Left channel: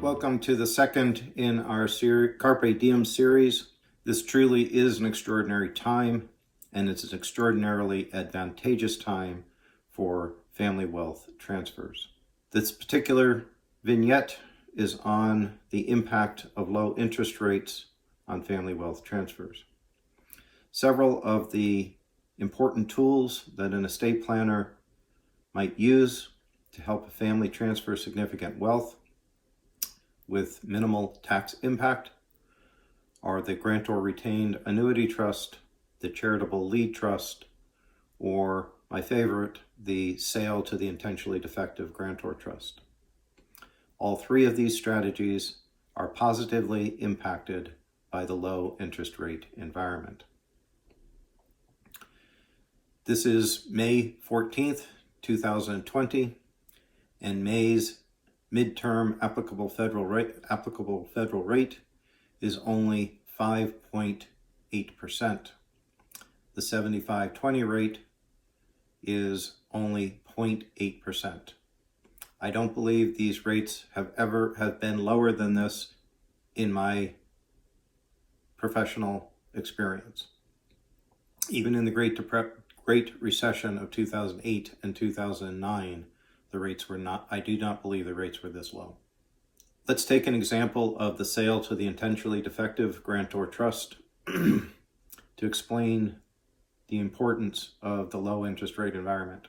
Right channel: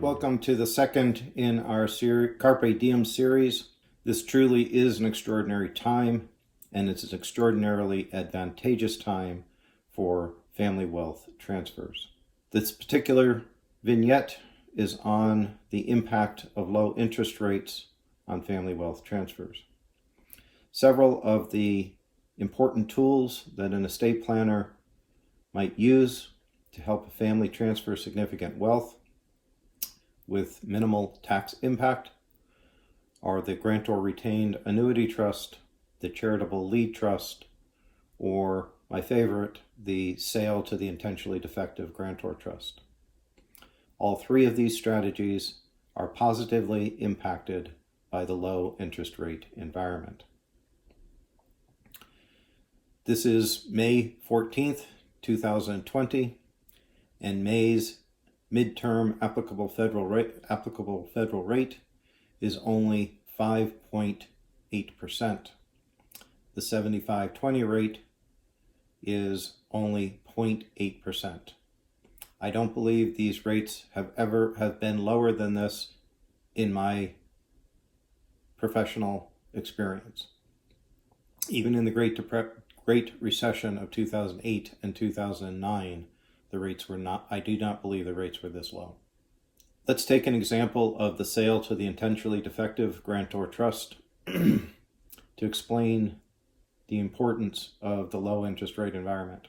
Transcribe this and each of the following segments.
Welcome to the second in our Carpe Diem series. This truly is an extraordinary time, and it's an extraordinarily advantageous time for family wealth transfers. This particular vignette is on the impact of low interest rates on family wealth transfers. Several of the important tools that an estate planner might use to help a family transfer significant wealth with minimal tax impact are the grantor retained annuity trust, the charitable lead trust, or my favorite, the sale to the intentionally defective grantor trust. All three of these strategies are positively impacted by the low interest rate environment. This is May 14th, 2020, and May's midterm applicable federal rate is only 5.8%. The 75/20 rate is only 0.8%. I don't believe these rates have been lower than this in my professional experience. Even in the Great Recession of 2008 and 2009, the rates were not, I do not believe the rates were this low. Let's take an example of the sale to the intentionally defective grantor trust to explain the importance of the low interest rate environment.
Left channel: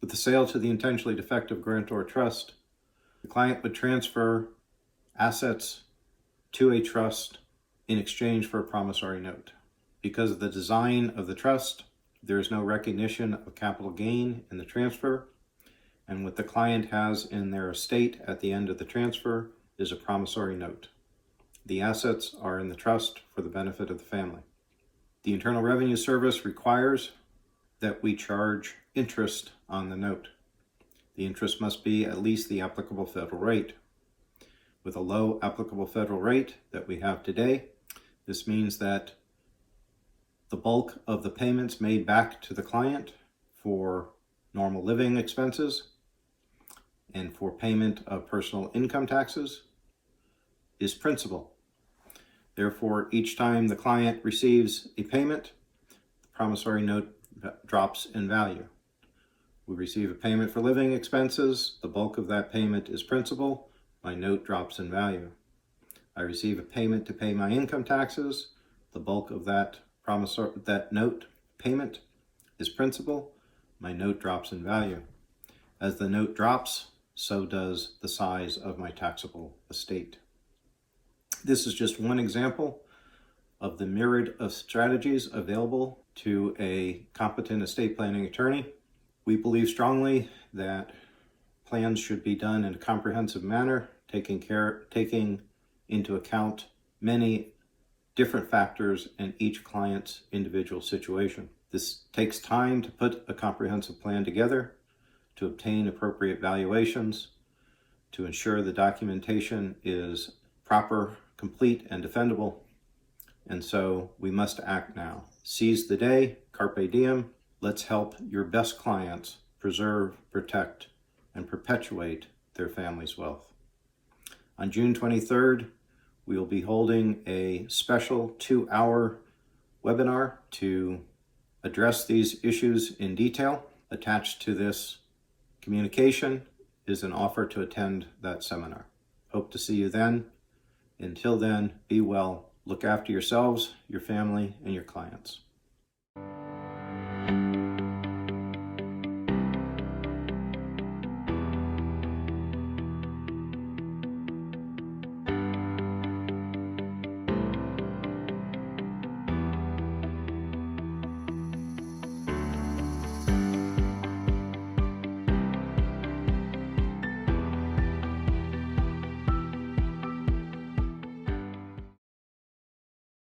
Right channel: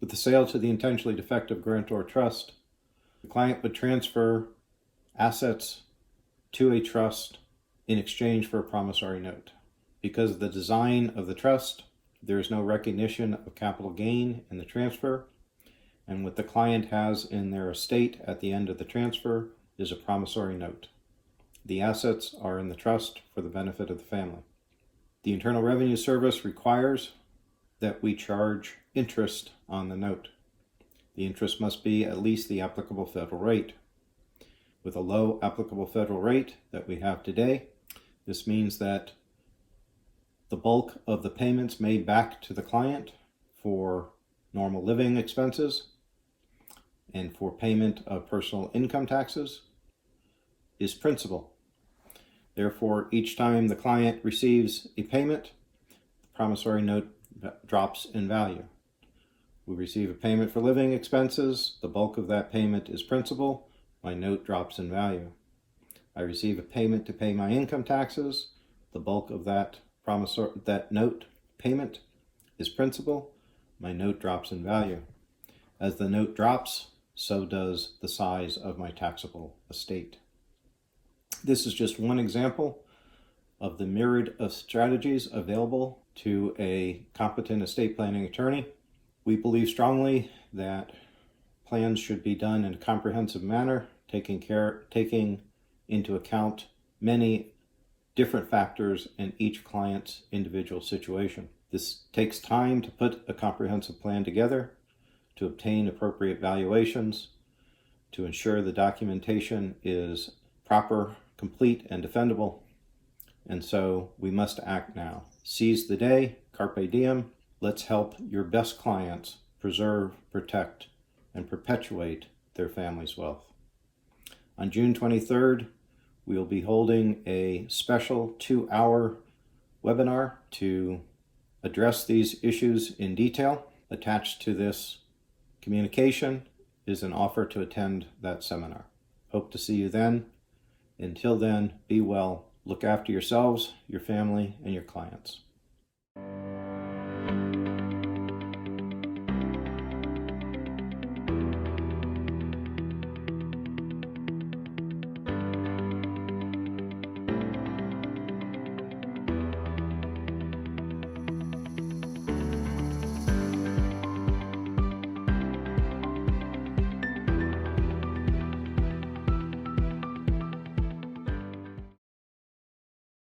With the sale to the intentionally defective grantor trust, the client would transfer assets to a trust in exchange for a promissory note. Because of the design of the trust, there is no recognition of capital gain in the transfer, and what the client has in their estate at the end of the transfer is a promissory note. The assets are in the trust for the benefit of the family. The Internal Revenue Service requires that we charge interest on the note. The interest must be at least the applicable federal rate. With a low applicable federal rate that we have today, this means that the bulk of the payments made back to the client for normal living expenses and for payment of personal income taxes is principal. Therefore, each time the client receives a payment, the promissory note drops in value. We receive a payment for living expenses, the bulk of that payment is principal, my note drops in value. I receive a payment to pay my income taxes, the bulk of that note payment is principal, my note drops in value. As the note drops, so does the size of my taxable estate. This is just one example of the myriad of strategies available to a competent estate planning attorney. We believe strongly that plans should be done in a comprehensive manner, taking into account many different factors in each client's individual situation. This takes time to put a comprehensive plan together, to obtain appropriate valuations, to ensure the documentation is proper, complete, and defendable. And so we must act now. Seize the day, Carpe Diem. Let's help your best clients preserve, protect, and perpetuate their family's wealth. On June 23rd, we will be holding a special 2-hour webinar to address these issues in detail. Attached to this communication is an offer to attend that seminar. Hope to see you then. Until then, be well, look after yourselves, your family, and your clients.